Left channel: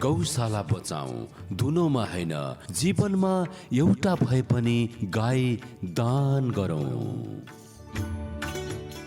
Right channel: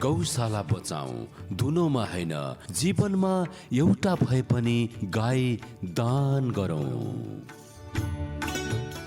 गौशाला बचाऊ, धुलोमा हैन जीवनमा एउटा भए पनि गाई दान गरौँ।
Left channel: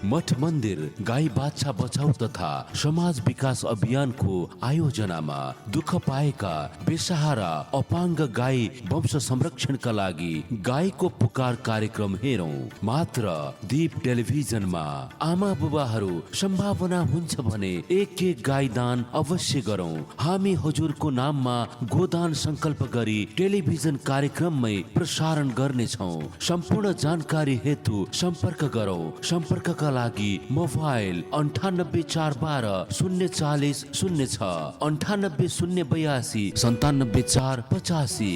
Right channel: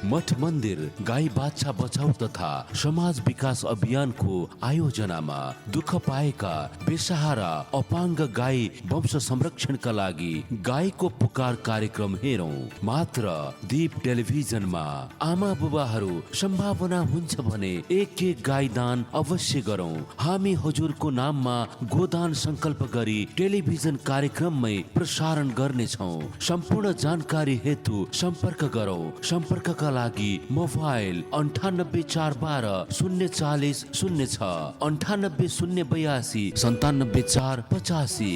मठ मन्दिर गाई बाछा बचाउ तथा समाज विकास अभियानको आयोजनामा दुःख पाएका बेसहारा अपाङ्ग गाई वंश संरक्षणका लागि गाईको पुकार कार्यक्रम हेरौं मात्र दीप टेलिभिजनमा। आमा बुबाहरू सम्भावना हुन्छ भने एक गाई दान अवश्य गरौं। हामी हजुरको नाममा गोदान संकल्प गरी टेलिभिजन कार्यक्रममै प्रसारण गर्नेछौं। सम्पूर्ण जानकारी हेतु सम्पर्क गरौं। सम्पर्कका लागि मोबाइल 984120 040 06 98 082 97 485।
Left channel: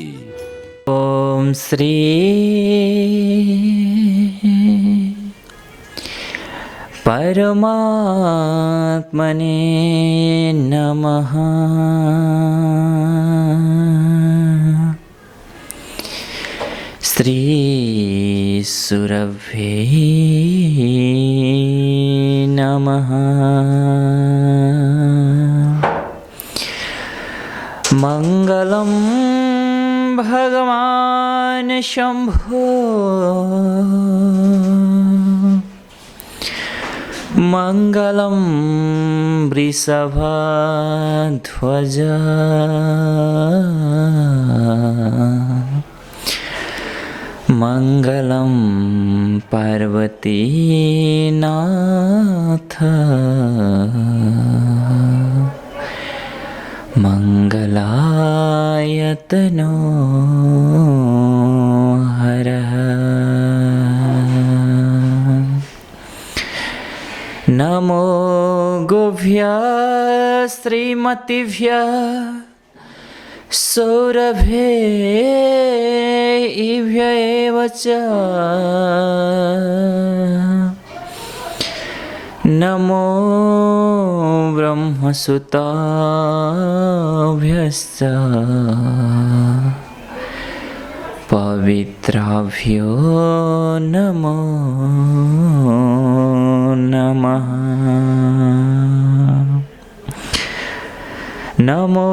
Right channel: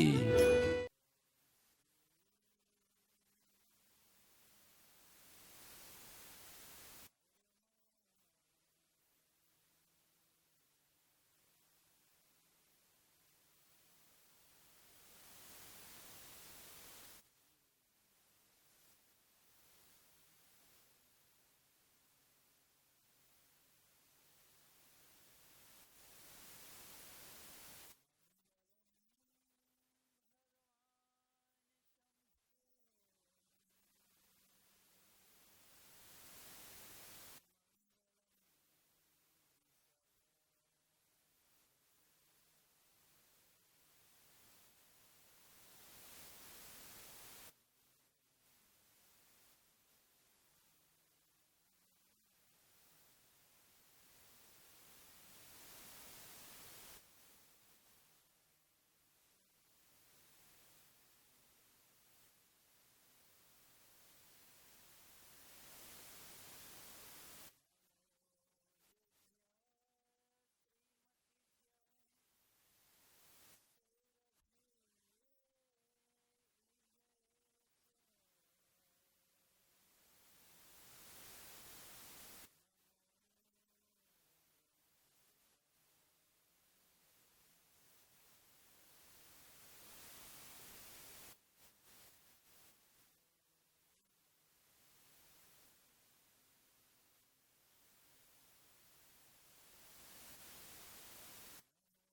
ओम श्री परमात्मने नमः। श्री सुरभे नमः। मंगलम भगवान शंभो मंगलम वृषभध्वज मंगलम पार्वती नाथ मंगलायतनो हरः। नमो गोभ्यः श्रीमतिभ्यः सौरभेभ्य एव च। नमो ब्रह्मसुताभ्यश्च पवित्राभ्यो नमो नमः। नमो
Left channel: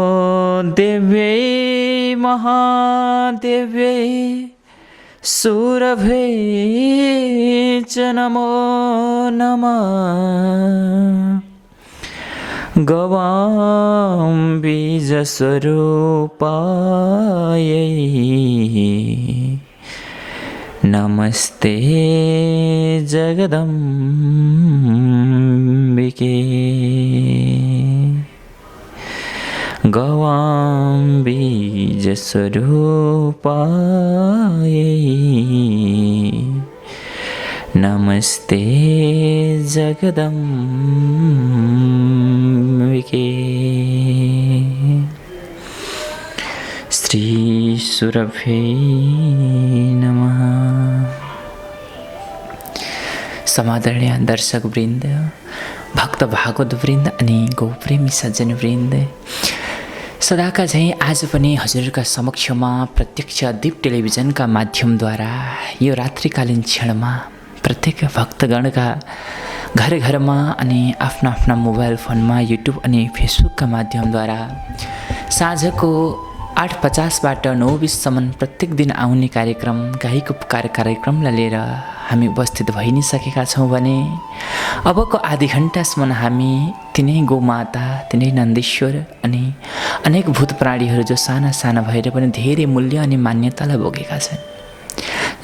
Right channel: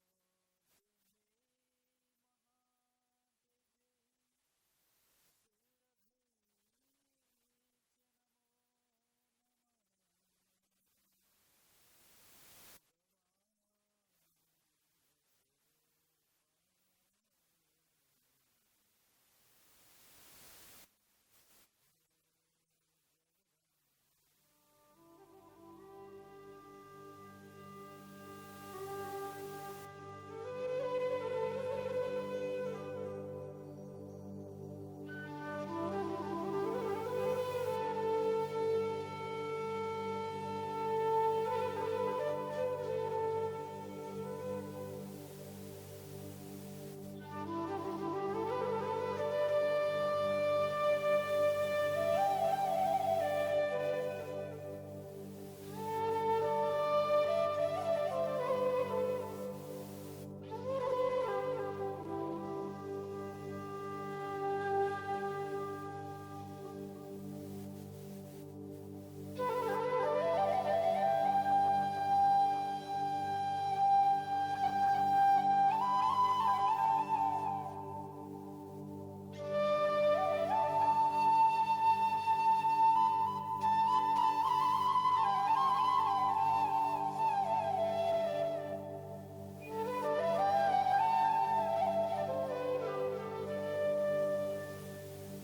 देव्यै महादेव्यै सुरभै च नमो नमः। गवां बीजस्वरूपायै नमस्ते जगदम्बिके। गवां बीजस्वरूपायै नमस्ते जगदम्बिके। श्री सुरभे नमः। समादरणीय दर्शक वृन्द, भक्त भागवत वृन्द अनि गौप्रेमी सज्जन वृन्द, सदाका झैँ आज पनि हजुरका समक्षमा प्रत्यक्ष दीप टेलिभिजनका माध्यमद्वारा यो रात्रिकालीन क्षणमा प्रत्येक भक्तगणका घर घरमा अनि आफ्ना आफ्ना मोबाइल फोनमा युट्युब अनि फेसबुकका माध्यमद्वारा साँझको 8:50बाट 9:20सम्म प्रत्येक दिन आउने कार्यक्रम गाईको पुकार कार्यक्रमलाई लिएर हामी उपस्थित भइ नै सकेका छौँ भने अबको आधी घण्टासम्म हामी तिनै गोमाता, तिनै नन्देश्वर अनि अनेक भूत प्राणीहरू जो साना साना भएर पनि धेरै मूल्य अनि मान्यतालाई बोकेका छन्।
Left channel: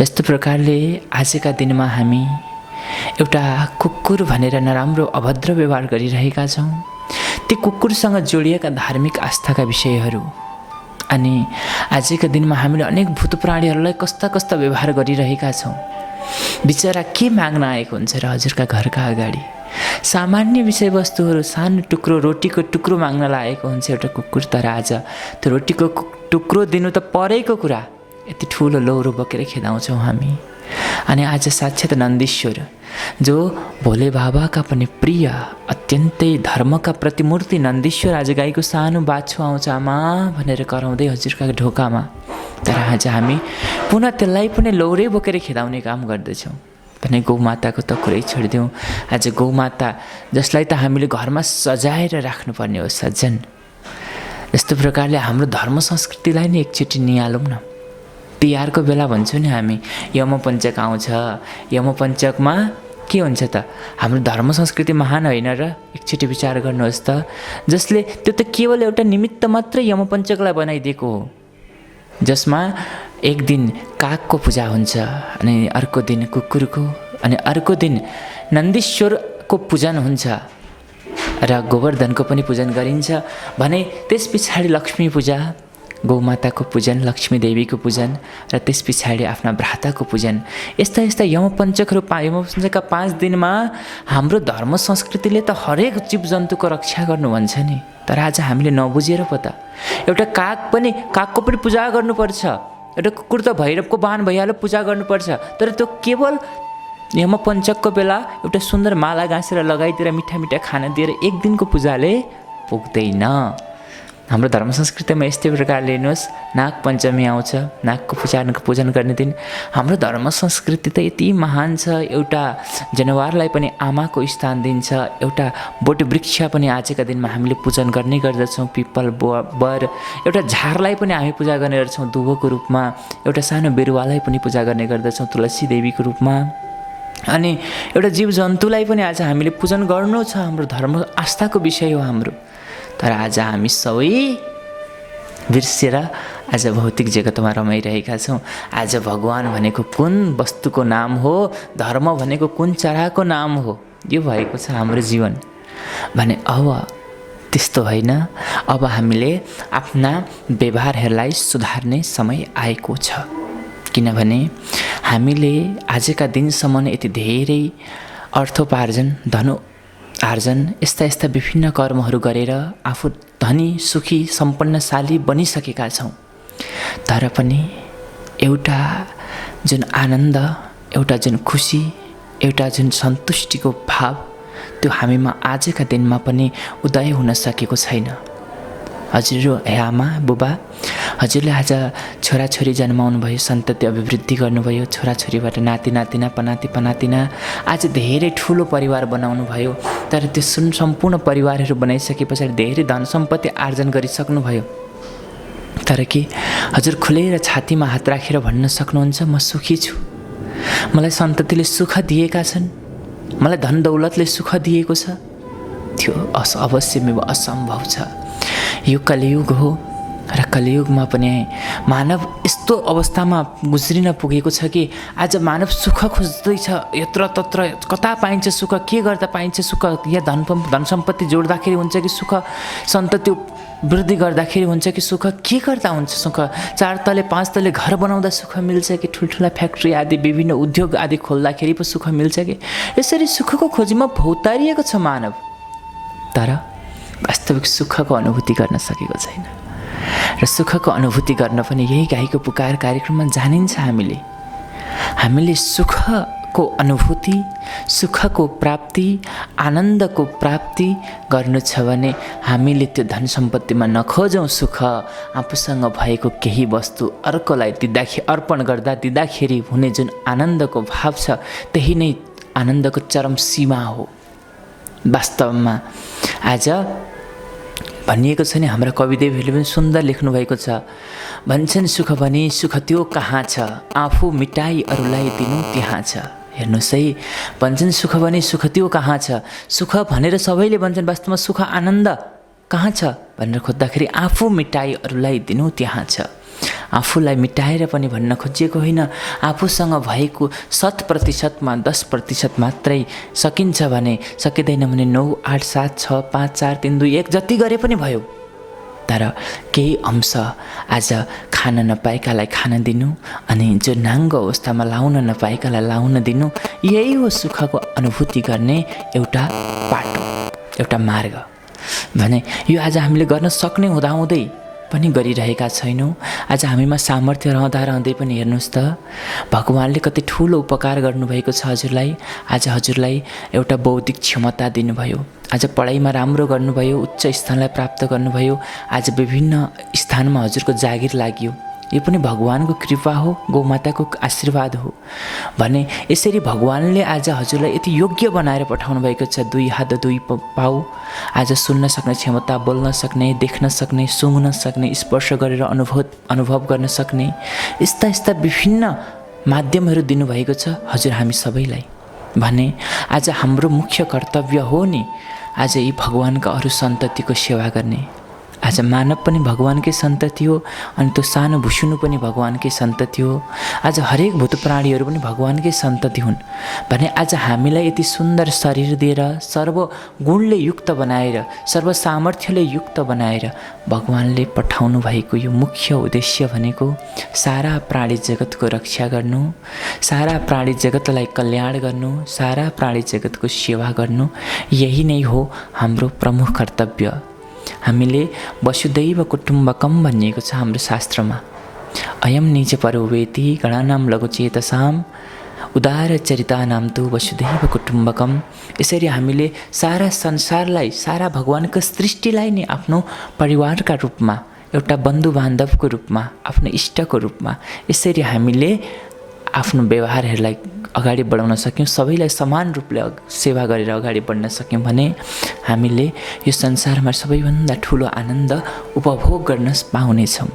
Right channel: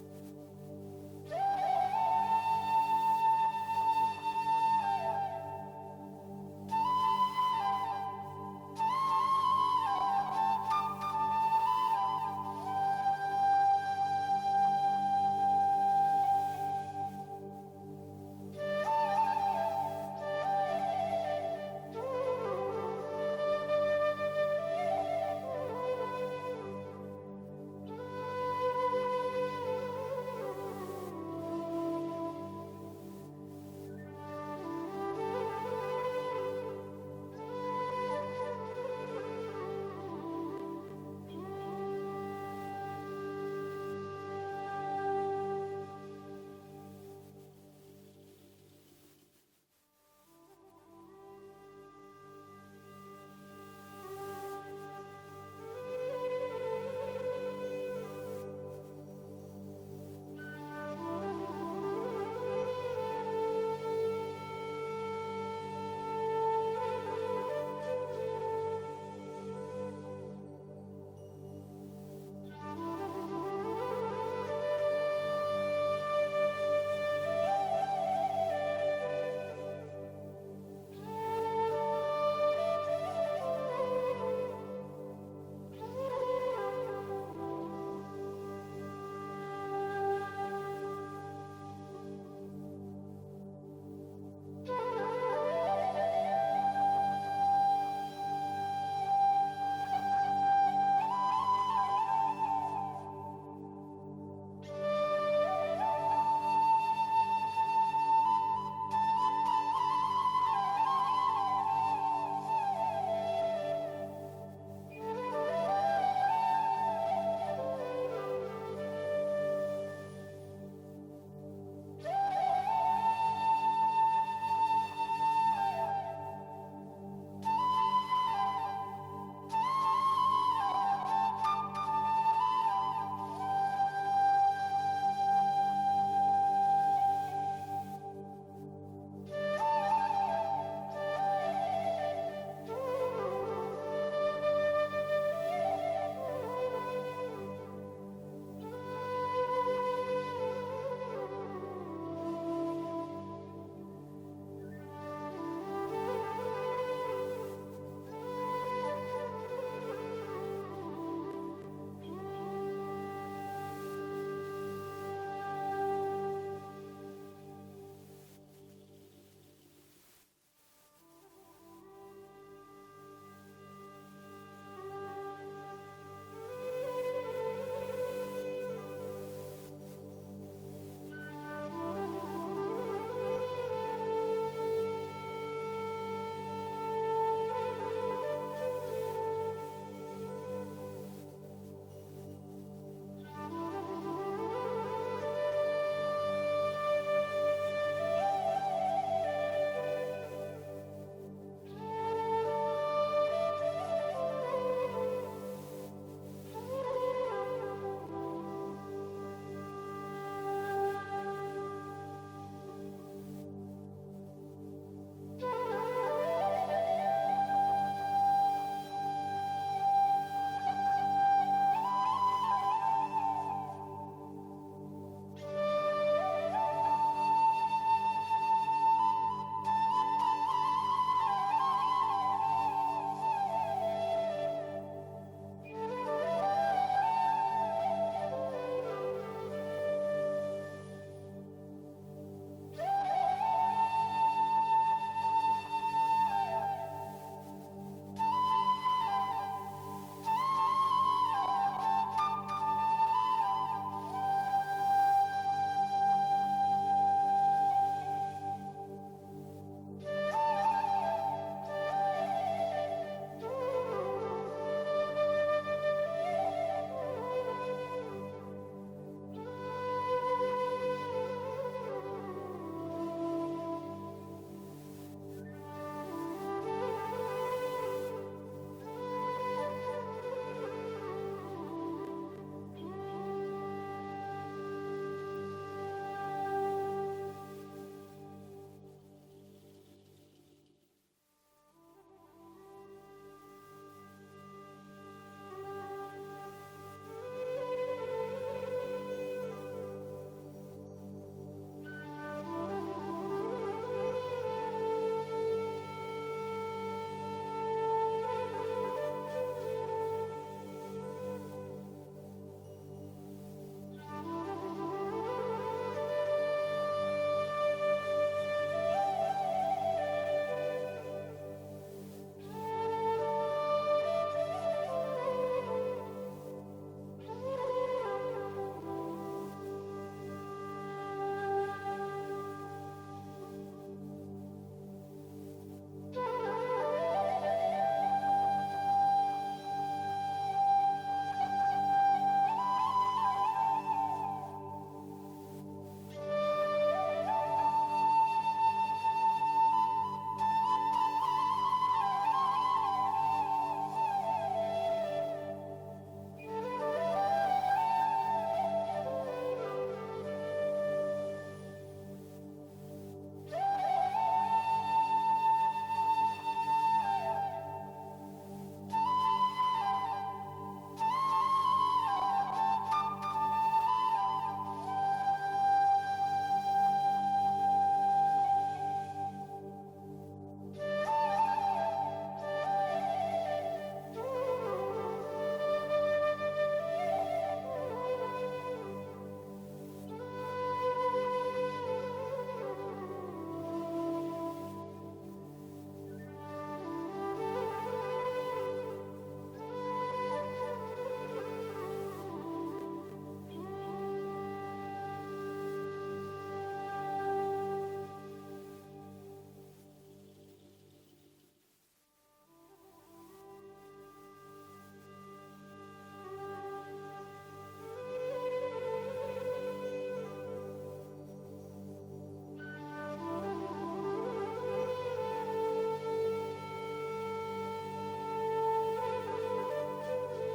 जस्तो प्रकारले आजका दिनमा हामी एउटा कुकुर भनेर नराम्रो अभद्र व्यवहार गरिरहेका छौँ। ती कुकुरसँग जोडिएका धार्मिक आस्थाका विषयहरू अनि आजका दिनमा हामीले अनेक भूत प्राणीहरूलाई कस्ता कस्ता व्यवहार गरिरहेका छौँ। बिचरा के माग्न आएको हुन्छ र हजुरका घरका अगाडि सामान्य विषयवस्तुहरू, सानो टुक्रो रोटीको टुक्रो माग्न लागेको हुन्छ एउटा कुकुर। तर आज त्यो रोटीको टुक्रो दिनु त परेको कुरा, यति ठुलो लौरो बोकेर खेदाउँछौँ हामी। अनि आज साक्षात् नन्दीश्वर जो भोले बाबाका पनि प्रिय अत्यन्तै धर्मका प्रतिमूर्ति नन्दीश्वर आज गाईको सानो बाछो आउँछ आमा भनेर कराउँदै हजुरका ढोकामा। तर आज हामी पुनः त्यसलाई पनि लौरे बोकेर खेदाउने काम गर्दछौँ भने गौमाताको त कुरै छोडिदिउँ। आज गौमाता जसलाई त हामीले घरमा सजाएर राख्नुपर्ने हो सज्जन, यस्तो प्रकारले हाम्रो धर्म संस्कृतिलाई नै एकचोटि निहालौँ न। तिहारको बेला भन्छौँ नि हामी, यमपञ्चक आउँछ, यमपञ्चकमा के हुन्छ त? हाम्रो धर्म संस्कृति महान होइन र? एकचोटि विचार गर्नुहोस् त। जसले त्यो त केवल एउटा निमित्त मात्रै यमपञ्चकलाई बनाइदिएको हो, जसमा एक दिन कागको पूजा हुन्छ, अनि अर्को दिन कुकुरको, अनि अर्को दिन नन्दीश्वरको पूजन हुन्छ र गोवर्धनको पनि पूजन गरिन्छ भने त्यस पछाडि लक्ष्मी पूजा, गौमाताको पूजन, लक्ष्मी देवीको पूजन र त्यस पछाडि आफ्ना भ्राताको पूजन। यस्ता यस्ता यमपञ्चकहरू यमपञ्चकका 5 दिनमा हाम्रो धर्म संस्कृतिले त हरेक जीवजन्तुको रक्षा गर्नु भन्छ नि। तर आज हामीले नबुझेर पो त एउटा कागको पनि पूजा गर्नुपर्छ, एउटा कुकुर त भैरवको वाहन भइहाल्यो, पूजा गर्नुपर्छ। तर त्यो केवल यमपञ्चकको बेला एउटा सुन्दर माला गाँसेर लगाइदिएर मिठा मिठा खाना दिएर एक दिनको पूजाले पुग्दैन। हाम्रो धर्म संस्कृतिमा यस्तै प्रकारले हेर्नुहोस्, नागपञ्चमी आउँछ, नागको पूजन गर्ने दिन। हाम्रो धर्म संस्कृति त यति महान छ, एउटा जनावरलाई पनि आमाको स्थान दिन्छ, एउटा बोट वृक्ष पनि आजका दिनमा हामीले पूजन गर्ने गर्दछौँ, पिपल बर, एउटा झारलाई पनि हामी पूजा गर्ने गर्छौँ दुबोको रूपमा, एउटा सानो बिरुवालाई पनि पूजा गर्ने गर्दछौँ तुलसी देवीको रूपमा, अनि एउटा जीवजन्तुलाई पनि आज हामीले पूजन गर्नु छ। हाम्रो धर्म आस्थाको विषय हो हाम्रो। तर आज हामी सबै बिर्सेर आज भौतिक जगतमा रमाइरहेका छौँ। आज भगवान भनेको कुन वस्तुको नाम हो, धर्म भनेको कुन चराको नाम हो, यो भएको छ हाम्रो जीवन भने। अब त्यस्तो होइन, अब हामीले आफ्ना व्यवहारहरूलाई सुधार्ने समय आएको छ। किनभने हामीले आजका दिनसम्म यति धेरै अर्थोपार्जन, धन आर्जन, यस्ता विभिन्न कर्महरू गरेर आफू धनी, सुखी, सम्पन्नशाली बनिसकेका छौँ। तर पनि एउटा जुन आनन्द, एउटा जुन खुसी, एउटा जुन सन्तुष्टिको भाव, त्यो हामीमा आजका दिनमा पनि उदय हुन सकेको छैन। हजुर हे आमा बुबा, हजुरले आज छोराछोरी जन्माउनु भयो, सन्तति अभिवृद्धि गर्नुभयो, छोराछोरीबाट नाति नातिना, पनातिना, आज धेरै ठुलो परिवार बनाउनु भयो। तर त्यो सम्पूर्ण परिवारहरू बनाइसके पछाडि धेरै धन सम्पत्ति आर्जन गरिसक्नुभयो। तर के हजुर खुलेर छातीमा हात राखेर भन्न सक्नुहुन्छ म सुखी छु, मलाई सन्ततिले सुख दिएका छन्, मलाई धन दौलतले सुख दिएको छ? त्यो अवश्य असम्भव छ। यो कलियुग हो र कलियुगमा पनि मानव यस्तो अवस्थामा गुज्रिन पुगेको छ कि आज मानव सुख खोज्दैछ, यत्र तत्र कता पाइन्छ सुख, के गर्दा पाइन्छ सुख, या धन सम्पत्ति जोड्दाखेरि हुन्छ कि सुख, सन्तति वृद्धि गर्दाखेरि हुन्छ कि सुख, के गर्दा हुन्छ सुख, 4 तले 5 तले घर बनाउँदा सुख मिल्छ कि ठुल्ठुला फ्याक्ट्री आदि विभिन्न उद्योग आदि खोल्दाखेरि पो सुख मिल्छ कि? यसरी सुखको खोजीमा भौतारिएको छ मानव, तर वास्तविक सुखको अनुभूति गर्न सकेको छैन। र सुखको अनुभूति गर्न पनि यही गाईको पुकार कार्यक्रममा जानिन्छ। हामीले सुखको अनुभूति, सुखको प्राप्ति, आनन्दको प्राप्ति गर्नु छ भने हामीले त्यो धन सम्पत्तिमा नखोजौँ सुख, आफूसँग भएको केही वस्तु अर्कोलाई अर्पण गर्दा दिँदाखेरि हुने जुन आनन्दको भाव छ, त्यही नै आनन्दको चरम सीमा हो। वास्तवमा आज भनिएको छ नि, हाम्रा कविदेवहरूले पनि सुन्दर लेख्नुभएको छ, भन्छन् सुख भने सुख त्यो कहाँ छ, आफू मिटाई अरूलाई दिनु त्यहाँ छ। हेर्नुहोस् है, भन्छन् सुख भने सुख त्यो कहाँ छ, सुख भनेर सबैले भन्छन्, वास्तवमा सुख आनन्द कहाँ छ भनेर खोज्दाखेरि आफू मिटाई अरूलाई दिनु त्यहाँ छ। आफूलाई मिटाएर पनि भन्न खोजिएको होइन, आफूसँग भएको 100%मा 10% मात्रै सकिन्छ भने, सकिँदैन भने 9, 8, 7, 6, 5, 4, 3, 2, 1 जति गरे पनि भयो। तर केही अंश आज खान नपाएकालाई खान दिनु, अनि जो नाङ्गो अवस्थामा लाउन नपाएकालाई लाउन दिनु, यही हो सुखको अनुभूति गर्ने एउटा बाटो, एउटा मार्ग भने। यो आज हामीले गर्न सक्ने हुँदाहुँदै पनि गरिरहेका छैनौँ। आज हामीमा सामर्थ्य रहँदै पनि हेर्नुहोस् त, भगवानले कति ठुलो उपकार गर्नुभएको छ हजुरलाई। आज हजुरलाई एउटा बौद्धिक क्षमता दिनुभयो, आज पढाइमा राम्रो गर्नुभयो, उच्च स्थानलाई प्राप्त गर्नुभयो, आज विभिन्न स्थानमा हजुरको जागिर लाग्यो, यो पनि भगवानको कृपा हो, गौमाताको आशीर्वाद हो भने यसरी भगवानले आज हजुरलाई यति योग्य बनाएर पठाउनु भएको छ। 2 हात 2 पाउ, आज सुन्न सक्ने क्षमता, बोल्न सक्ने, देख्न सक्ने, सुँघ्न सक्ने, स्पर्श गरेर अनुभव गर्न सक्ने, यस्ता विभिन्न माध्यमहरू दिनुभएको छ हजुर हामी सबैलाई भने आज हाम्रो मुख्य कर्तव्य हो नि आज यी भगवानका अरू सन्ततिको सेवा गर्ने। आज मानव पनि भगवानकै सन्तति हो अनि त्यो सानो भुसुनु पनि भगवानकै सन्तति हो। आज हरेक भूत प्राणीहरू पनि भगवानकै सन्तति हुन् भने आज हामीलाई यति सुन्दर शरीर दिएर, सर्व गुणले युक्त बनाएर, सर्व सामर्थ्यले युक्त बनाएर भगवानले पठाउनु भएको यो मुख्य उद्देश्य भनेको सारा प्राणी जगतको रक्षा गर्नु, सारा प्राणी जगतलाई कल्याण गर्नु, सारा प्राणी जगतको सेवा गर्नु, यही नै हो हाम्रो प्रमुख कर्तव्य। हामीले वसुदैव कुटुम्बकम भनिएको छ हाम्रो शास्त्रमा। अयम निज परो वेति गणानां लघुचेतसाम उदार चरितानां तु वसुदैव कुटुम्बकम। यसरी हामीले सारा संसारलाई, सारा भगवानको सृष्टिलाई नै आफ्नो परिवारका रूपमा, एउटा बन्धु बान्धवको रूपमा, आफ्नो इष्टको रूपमा यसरी हामीले आफ्नो व्यवहारहरूलाई अगाडि बढाउन सक्यौँ, सबैलाई समान रूपले सेवा गरेर अगाडि बढ्न सक्यौँ भने हामीले यो संसारमा सबैभन्दा ठुलो आनन्द उपभोग गर्न पाउनेछौँ।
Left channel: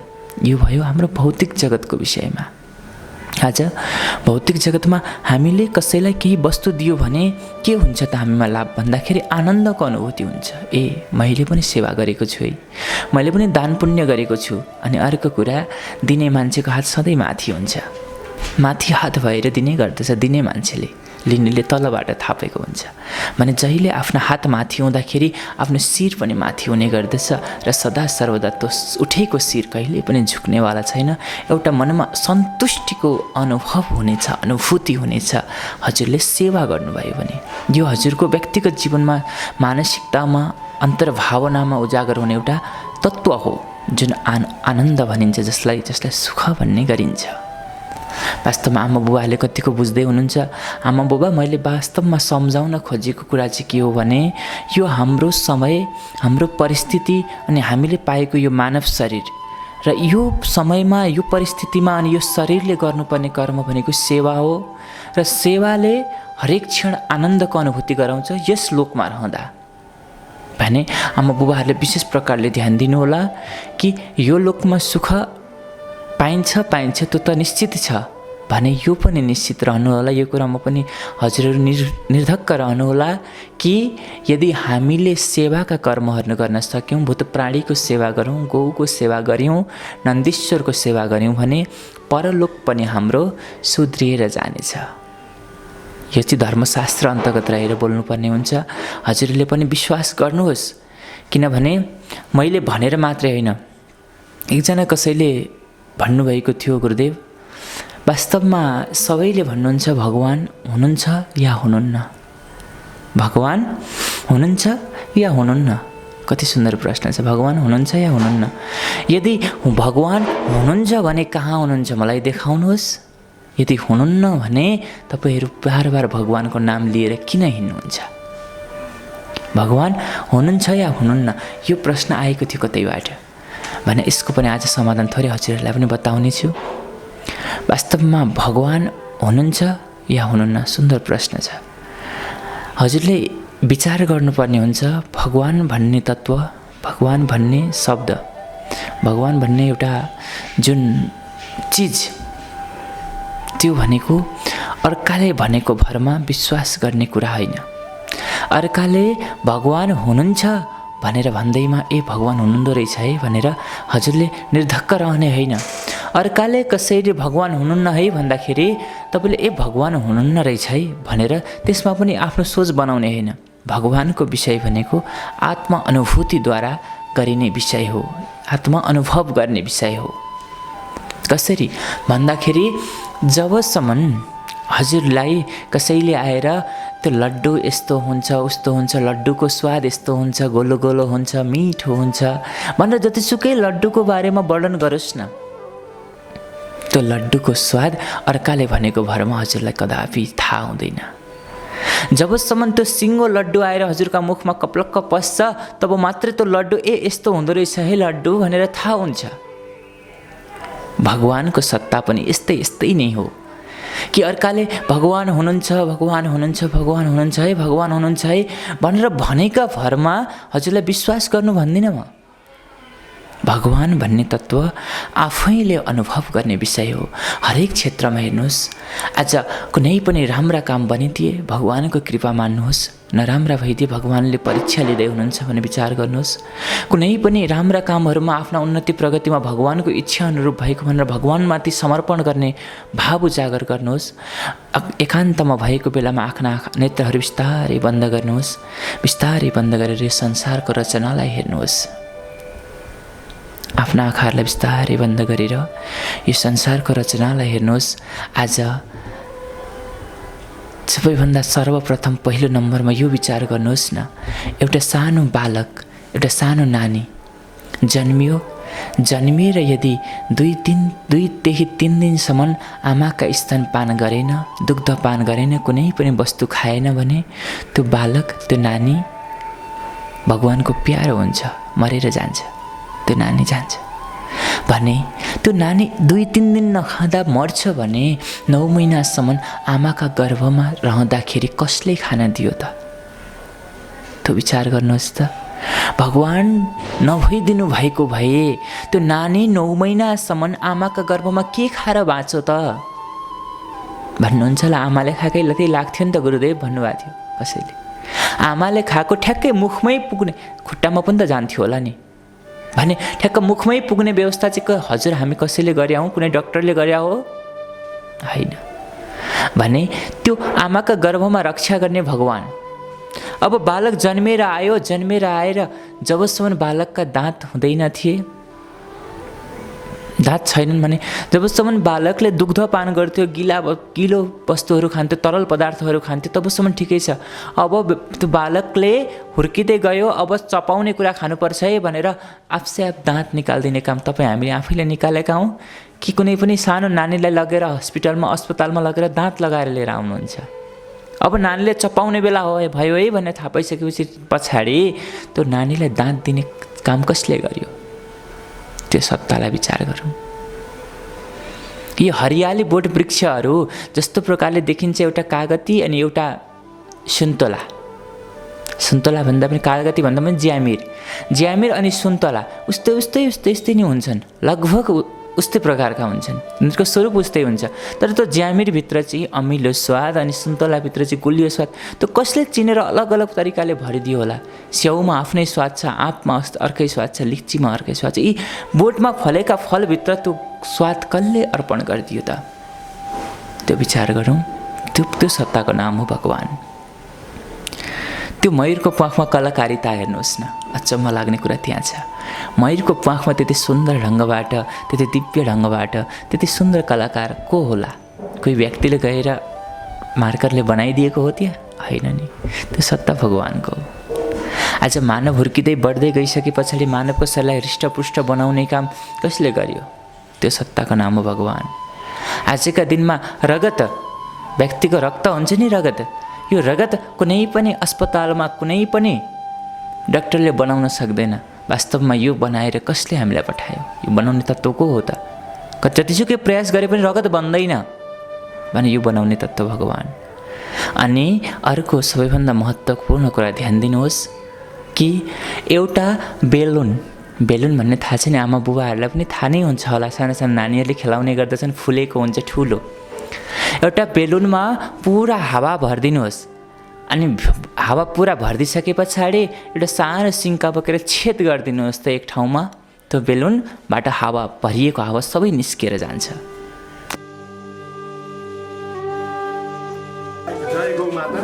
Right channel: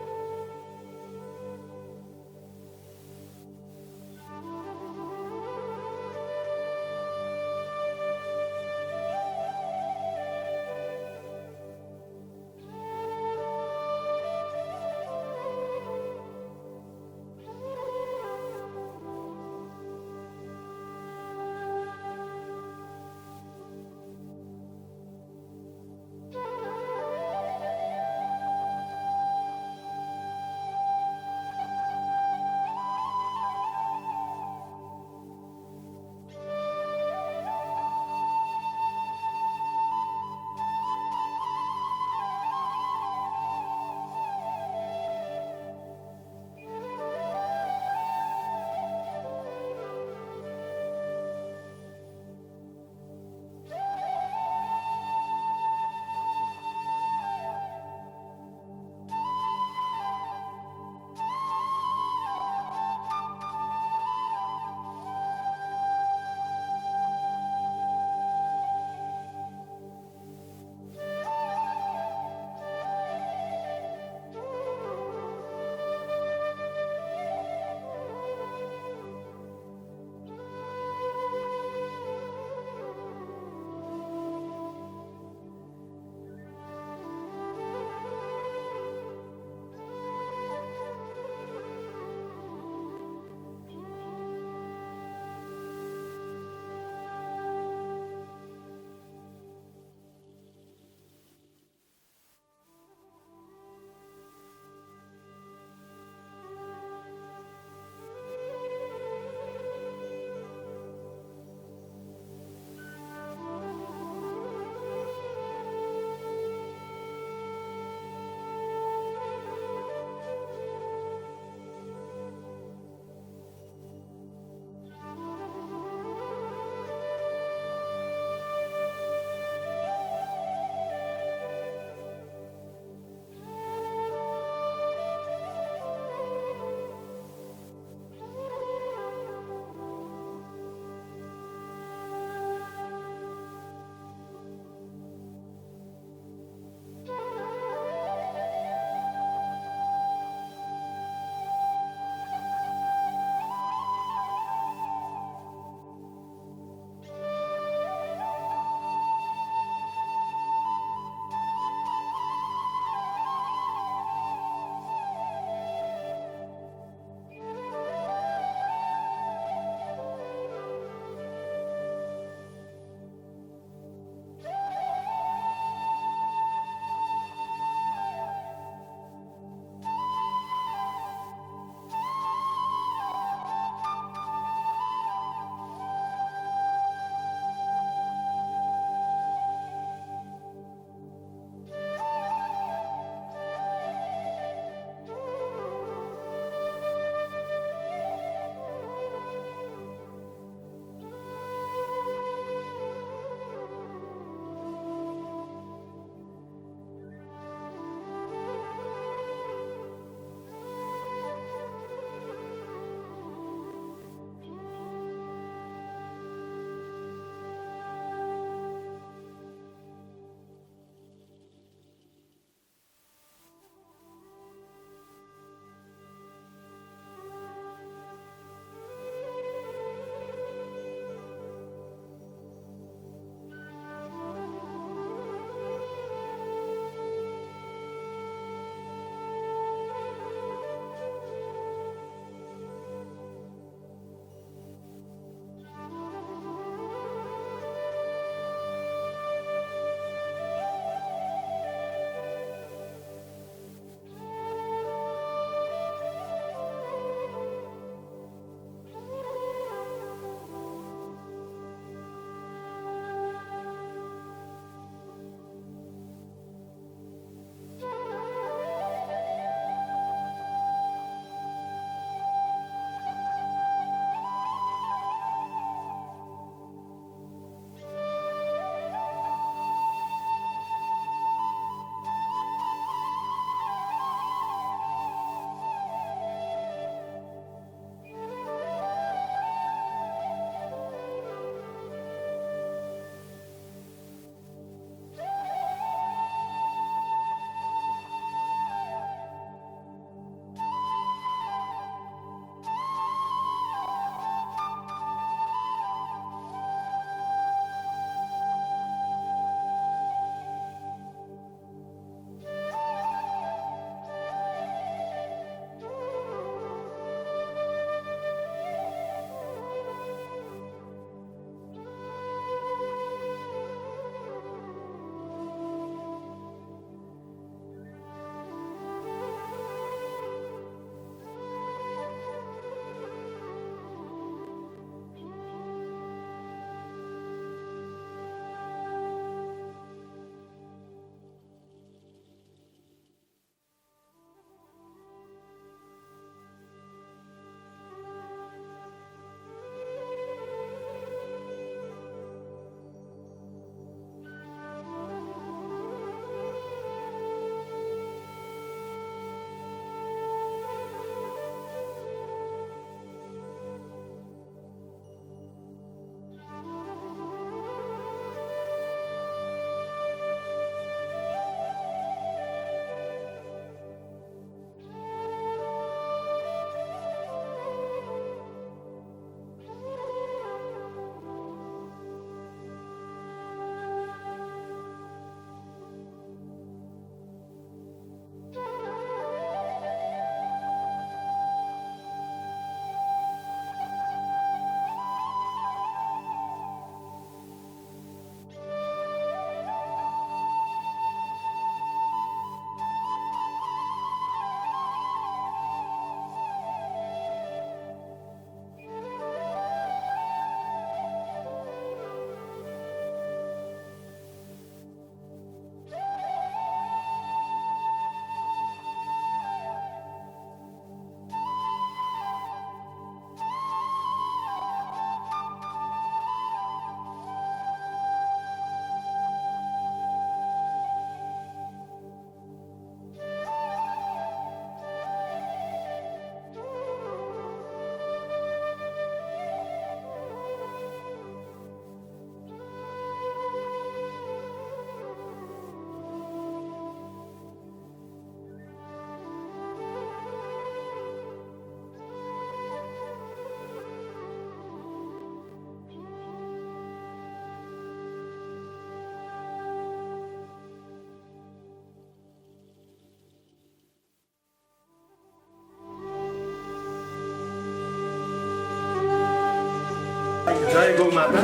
यो भयो हाम्रो भौतिक जगतको विषयमा। आज भौतिक जगतमा हामीले कसैलाई केही वस्तु दियो भने के हुन्छ त हामीमा लाभ भन्दाखेरि आनन्दको अनुभूति हुन्छ। मैले पनि सेवा गरेको छु है, मैले पनि दान पुण्य गरेको छु। अनि अर्को कुरा, दिने मान्छेको हात सधैँ माथि हुन्छ, माथि हात भएर दिने गर्दछ दिने मान्छेले, लिनेले तलबाट थापेको हुन्छ भने जहिले आफ्नो हात माथि हुँदाखेरि आफ्नो शिर पनि माथि हुने गर्दछ र सदा सर्वदा त्यो उठेको शिर कहिले पनि झुक्नेवाला छैन। एउटा मनमा सन्तुष्टिको अनुभव हुनेछ, अनुभूति हुनेछ हजुरले सेवा गर्नुभयो भने। यो हजुरको व्यक्तिगत जीवनमा, मानसिकतामा, अन्तर्भावनामा उजागर हुने एउटा तत्त्व हो जुन आनन्द भनिन्छ, जसलाई सुख भन्ने गरिन्छ। वास्तवमा आमा बुबाले कतिको बुझ्दै हुनुहुन्छ। आमा बुबा, मैले वास्तवमा सम्झाउन खोजेको कुरा चाहिँ के हो भने यो हाम्रो समय, हाम्रो परिस्थिति अनि हामीले पाएको यो मानव शरीर र यो समयमा, यो परिस्थितिमा अनि यो शरीरले गर्नुपर्ने कर्म भनेको सेवा हो र सेवाले हरेक क्षण आनन्दको अनुभूति गराउँछ यस लोकमा रहँदा भने आमा बुबाहरूले विशेष प्रकारले ध्यान दिनुहोला कि यो लोकमा सुख पाइन्छ त्यो त निश्चित छ भने यो पनि निश्चित रहनुहोला। यो कुरामा पनि हजुरहरू निर्धक्क रहनुहोला कि यदि हामीले सेवाका कर्महरू गर्न सक्यौँ, भूत प्राणीको सेवा गरौँ, गौको सेवा गऱ्यौँ, नन्दीश्वरको सेवा गऱ्यौँ भने परलोक पनि हाम्रो सुध्रिएर जानेछ। यो चाहिँ धर्मशास्त्र अन्तर्गत रहेर बोल्नुपर्ने हुन्छ। हजुरले पनि विश्वास गर्नुहोस्, किनभने मैले भनेर मात्रै होइन, एकजना कसैले भन्नुभएको थियो, गुरुदेव वास्तवमा सबैले भन्नुहुन्छ भगवान हुनुहुन्छ या हुनुहुन्न, भगवान हुनुहुन्छ या हुनुहुन्न। कति सुन्दर प्रश्न छ, भगवान हुनुहुन्छ या हुनुहुन्न। यदि भगवान हुनुहुन्छ भने कहाँ हुनुहुन्छ मलाई देखाउनुहोस्। यदि हुनुहुन्न भने तपाईँहरू बार बार भगवानको नाम लिएर किन हिँड्नुहुन्छ। भगवान हुनुहुन्छ या हुनुहुन्न यो प्रश्न आएको थियो कतैबाट भने यसको पनि आज समाधान थोरै हजुरहरूलाई पनि बताउने छु। वास्तवमा भगवान हुनुहुन्छ या हुनुहुन्न सुन्दर प्रश्न छ। हजुरले विचार गर्नुपर्ने हुन्छ भगवान भन्ने तत्त्व, भगवान भन्ने शब्द, भगवान भन्ने एउटा जुन चिज, त्यो भनेको अर्काले भनेको भरमा विश्वास गर्ने कुरा होइन। अर्काले भगवान हुनुहुन्छ भनेर भन्दैमा भगवान हुनुहुँदो रहेछ है भनेर हजुरले निर्धक्क रहने होइन। अर्काले कसैले भगवान हुनुहुन्न है भन्दाखेरि तपाईँले भगवान हुनुहुन्न रहेछ है भनेर त्यसमा पनि आफ्नो सोच बनाउने होइन। भगवानको विषय भनेको आत्मा अनुभूतिद्वारा गरिने विषय हो, आत्मा अनुभव गर्ने विषय हो। कसरी भन्दाखेरि जबसम्म हजुरलाई कसैले आएर त्यो लड्डु यस्तो हुन्छ उस्तो हुन्छ, लड्डुको स्वाद यस्तो हुन्छ, गोलो गोलो हुन्छ, मिठो हुन्छ भनेर जतिसुकै लड्डुको बारेमा वर्णन गरोस् न, त्यो लड्डुको स्वाद अर्काले भनेको भरमा हजुरलाई कदापि थाहा हुँदैन। जबसम्म त्यो सिङ्गो लड्डु आएर हजुरका मुखमा कप्लक्क पस्छ तब मात्रै त्यो लड्डु यस्तो हुँदो रहेछ है लड्डु भनेर थाहा हुन्छ। भगवानको सत्ता पनि यस्तै नै हो कि अर्काले भगवान हुनुहुन्छ है भनेर भनेका भरमा हजुरलाई विश्वास गर्नु भन्दिनँ म। भगवान भन्ने तत्त्व आफैले अनुभव गर्ने विषय हो। हरेक क्षेत्रमा हेर्नुहोस्, आज कुनै पनि राम्रा काम बनिदिए भगवानको कृपा मान्नुहोस्, नराम्रा भइदिए भगवानले परीक्षा लिँदै हुनुहुन्छ भने विचार गर्नुहोस्। कुनै पनि राम्रा कामहरूमा आफ्ना उन्नति प्रगतिमा भगवानको इच्छा अनुरूप भएको भनेर भगवानमाथि समर्पण गर्ने भाव उजागर गर्नुहोस्। एकान्तमा भएको बेलामा आफ्ना नेत्रहरू बिस्तारै बन्द गर्नुहोस्। बिस्तारै बन्द गरेर यो संसारको रचनालाई हेर्नुहोस्। आफ्ना आँखाहरूलाई बिस्तारै बन्द गरेर यो संसारको रचनालाई हेर्नुहोस्। आज सबैभन्दा सर्वप्रथम पहिलो नम्बरमा यो विचार गर्नुहोस् न, एउटा सानो बालक, एउटा सानो नानी जन्मिएर यदि दुईदेखि 3 दिनसम्म आमाका स्तनपान गरेन, दुग्धपान गरेन, कुनै पनि वस्तु खाएन भने त्यो बालक, त्यो नानी भगवानको प्यारो हुन्छ, मरेर जान्छ, त्यो नानी जान्छ। भने त्यो नानी 2-3 दिन नखाँदा मर्छ भने 9 महिनासम्म आमाका गर्भमा रहँदाखेरि कसले खाना दियो त? त्यो विचार गर्नुहोस् त। भगवान नभइदिनु भएको भए त्यो नानी 9 महिनासम्म आमाका गर्भमा के खाएर बाँच्यो त? भन्नुहुन्छ होला आमाले खाएकै लति लाग्थ्यो नि त गुरुदेव भन्नुभएको थियो कसैले। आमाले खाएको ठ्याक्कै मुखमै पुग्ने, खुट्टामा पनि त जान्थ्यो होला नि भने ठ्याक्क मुखमै पुग्ने व्यवस्था चाहिँ हजुर हामी कसैले गरे हौँ, कुनै डक्टरले गरे हो? होइन। भने त्यो आमाका गर्भमा रक्षा गर्ने भगवान। अब बालक जन्मेर आएर जबसम्म बालकका दाँत हुँदैन थिए, दाँत छैनन् भने जबसम्म बालकले दुग्धपान गर्थ्यो, गिलो वस्तुहरू खान्थ्यो, तरल पदार्थहरू खान्थ्यो, तबसम्म ठिकै छ। अब त्यो बालकले हुर्किँदै गयो, अब चपाउने कुरा खानुपर्छ है भनेर आफसे आफ दाँत निकालिदिने काम तपाईँ हामीले आफैले निकालेका हौँ कि कुनै पनि सानो नानीलाई लगेर अस्पतालमा लगेर दाँत लगाएर लिएर आउनुहुन्छ? अब नानीले चपाउने बेला भयो है भन्ने थाहा पाइसकेपछि पछाडि त्यो नानीलाई दाँत दिने काम कसले गर्यो? त्यो सत्तालाई विचार गरौँ। यी हरियाली बोट वृक्षहरू जस्तो प्रकारले देखिन्छ, एउटा कागती अनि एउटा सुन्तला भन्दा पनि कागती भन्दा पनि ज्यामिर अनि सुन्तला उस्तै नै हुन्छन्, लगभग उस्तै प्रकारका हुन्छन्, उनीहरूको स्वरूप उस्तै हुन्छ। तर त्यो ज्यामिरभित्र चाहिँ अमिलो स्वाद अनि सुन्तलाभित्र चाहिँ गुलियो स्वाद, त्यो कसले चिनेर अलग अलग तरिकाले भरिदियो होला? स्याउमा आफ्नै स्वाद छ, आँपमा अर्कै स्वाद छ, लिच्चीमा अर्कै स्वाद छ। यी बोटमा फलेका फलभित्र त्यो स्वाद कसले अर्पण गरिदियो त? त्यो विचार गरौँ। त्यो सत्ताको नाम हो भगवान। त्यो मयूरको प्वाखमा कलाकारिता हेर्नुहोस् न, अचम्म लाग्ने कुरा त्यहाँ छ। मयूरको प्वाखमा त्यति सुन्दर ढङ्गबाट, त्यति दिव्य ढङ्गबाट त्यति सुन्दर कलाकार को होला? कोही व्यक्तिले गएर मार्करले बनाइदिएको हो त्यहाँ? होइन नि, त्यो सत्ता भगवानको हो। आज मानव हुर्किँदै बढ्दै गइसके पछाडि मानवको शरीरलाई हृष्टपुष्ट बनाउने काम कसले गर्यो? त्यो सत्ताको नाम हो भगवान। आजका दिनमा रगत, व्यक्तिको रक्त हुन्छ नि रगत, यो रगत कुनै पनि अस्पतालमा कुनै पनि डाक्टरले बनाउन सक्दैन। वास्तवमा यो बनाएर कसले हामीलाई पठायो? यो बनाउने तत्त्व को हो त? जतिसुकै प्रयास गरे पनि रगत बन्दैन भने यो बनाउने तत्त्व भगवान। अनि अर्को सबैभन्दा महत्त्वपूर्ण कुरा ध्यान दिनुहोस् कि एउटा बेलुन भन्ने थाहा छ नि, आमा बुबाहरूलाई पनि थाहा नै हुन्छ होला, सानो नानीहरूले खेलाउने गर्दछन्, फुलेको हुन्छ ठुलो। एउटा बेलुनमा पुरा हावा भरिदिनुहोस् अनि हावा पुरा भरिदिइसके पछाडि एउटा सानो सिङ्का बोकेर छेद गरिदिनुहोस् त एक ठाउँमा, त्यो बेलुनबाट हावा, भरिएको हावा सबै निस्किएर जान्छ। जय गौ माता।